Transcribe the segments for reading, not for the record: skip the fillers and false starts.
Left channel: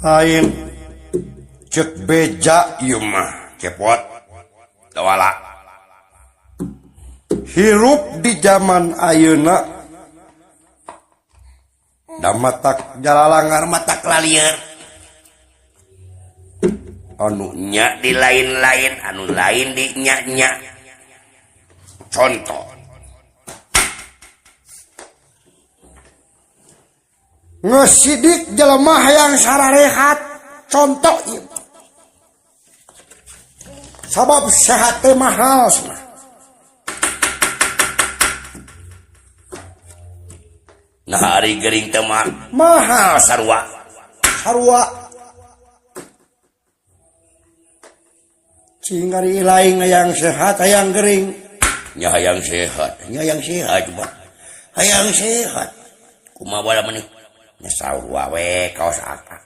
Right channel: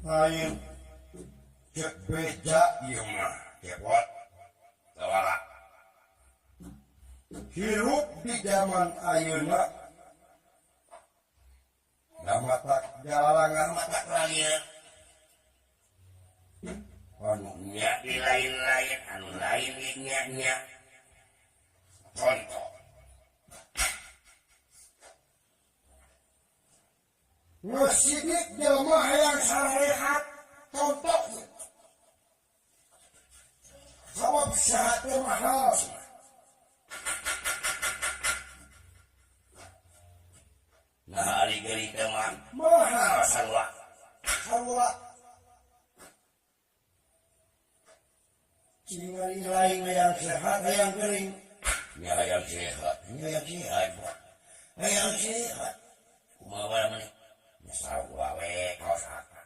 lain cek beja ieu mah cepot tawala hirup di zaman ayeuna da matak jalalangar matak lalieur anu nya di lain-lain anu lain di nya-nya contoh ngesidik jelema hayang sararehat contoh ieu sabab sehat teh mahal cenah nah hari gering teh mahal sarua cing ari lain hayang sehat hayang gering nya hayang sehat coba hayang sehat kumaha bala meuni nya sarua we kaos aka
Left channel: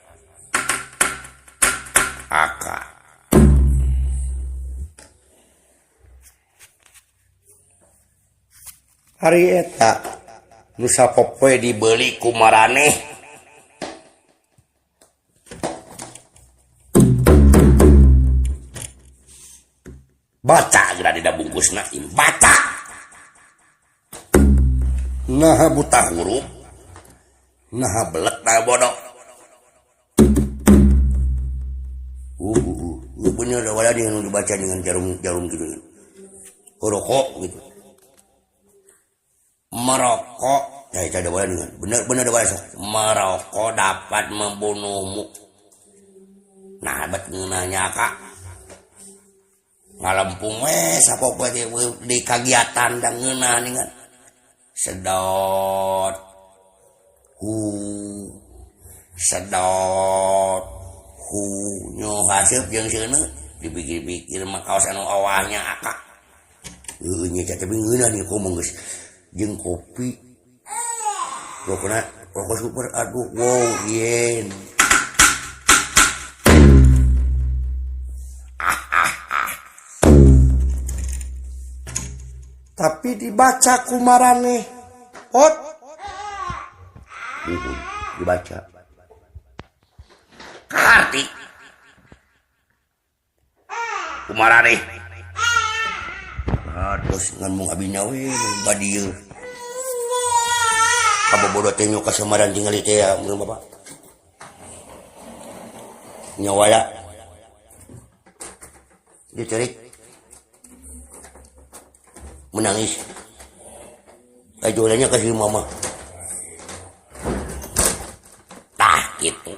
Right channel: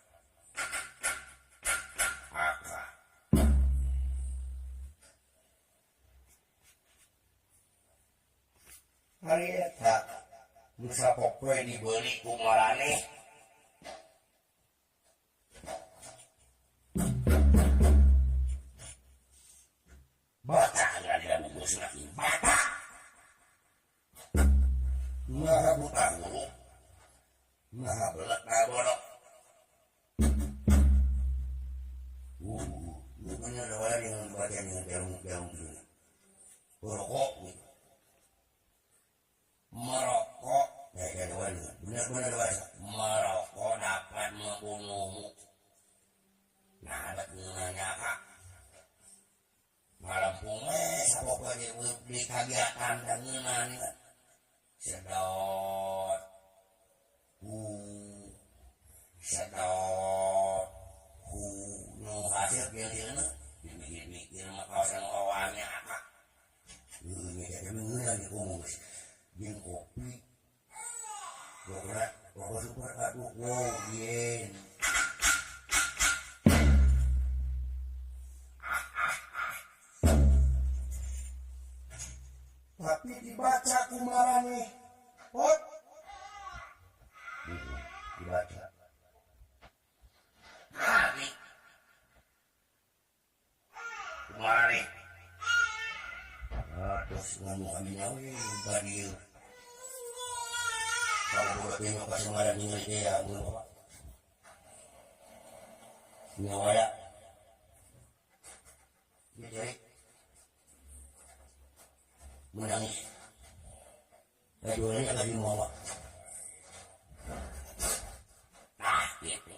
hari eta nu sapopoe dibeli ku maraneh baca geura dina bungkusna baca nah buta huruf nah belek nah bodoh bener ada wala yang dibaca dengan jarum gitu rokok gitu merokok ya itu ada wala dengan bener ada wala merokok dapat membunuhmu nah bet ngeunanya kak ngalempung sapopoe di kagiatan dan ngeunah dengan sedot nyo hasil jeung seuneu dipikir-pikir mah kaos anu awahnya akak nya tapi ngeunah nih ngomong geus jeung kopi rokok super aduh wow yen tapi dibaca ku maraneh pot dibaca karti ku maraneh terus ngomong abinya we badieu kabobodo teh nyo kasamaran tinggal teh ya mun bapak nyawaya diterik menangis kajulannya kasih mama tah gitu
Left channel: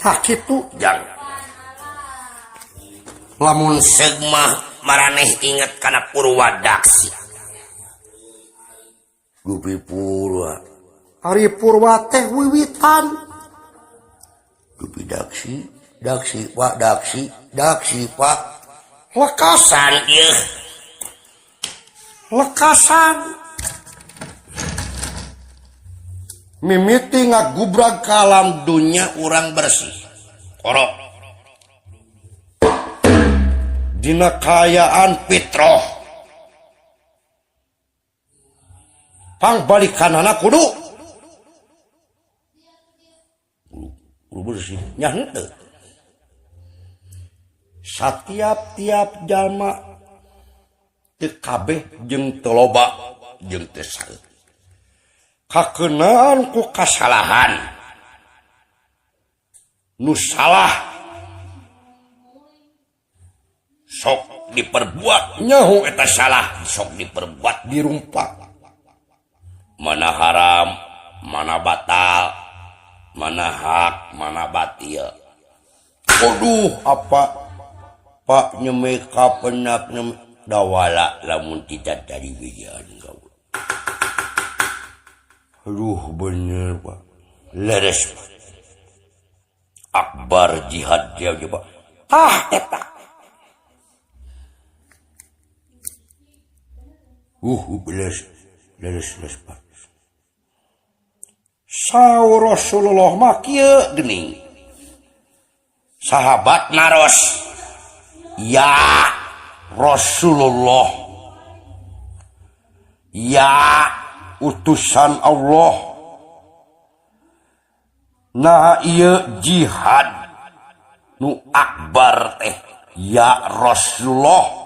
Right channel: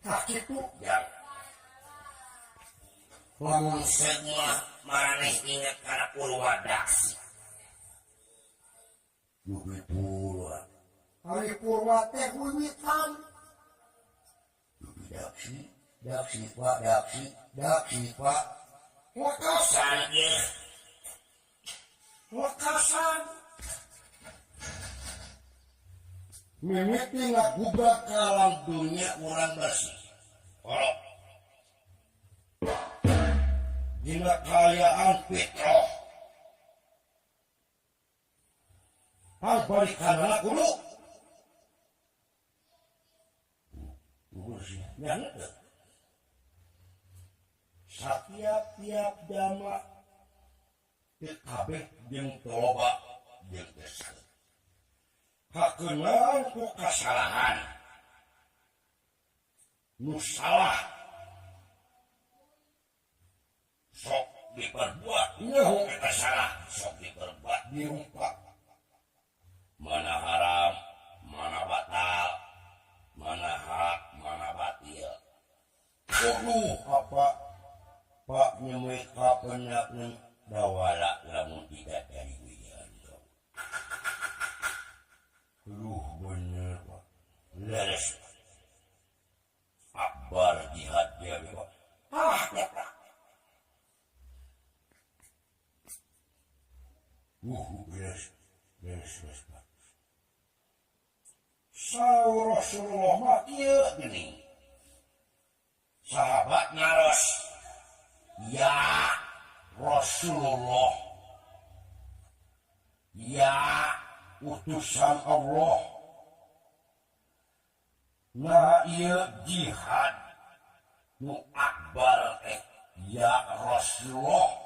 tah gitu jang lamun segmah maraneh inget kana Purwadaksi Gupi Purwa Ari Purwa teh wiwitan Gupi Daksi Pak lekasan ieu mimiti ngagubrag ka alam dunya urang bersih korok dina kayaan fitrah pangbalikanana kudu bersih nya henteu satiap-tiap jalma teu kabeh jeung teu loba jeung teu saeutik kakeunaan ku kasalahan nu salah sok diperbuat nyaho eta salah sok diperbuat dirumpak mana haram mana batal mana hak mana batil aduh apa pak nyemeh ka penak dawala lamun tidak dari wijian gaul aduh bener pak leres akbar jihad dia coba eta leres pak saur Rasulullah mah kieu geuning sahabat naros ya Rasulullah ya utusan Allah nah ieu jihad nu akbar teh ya Rasulullah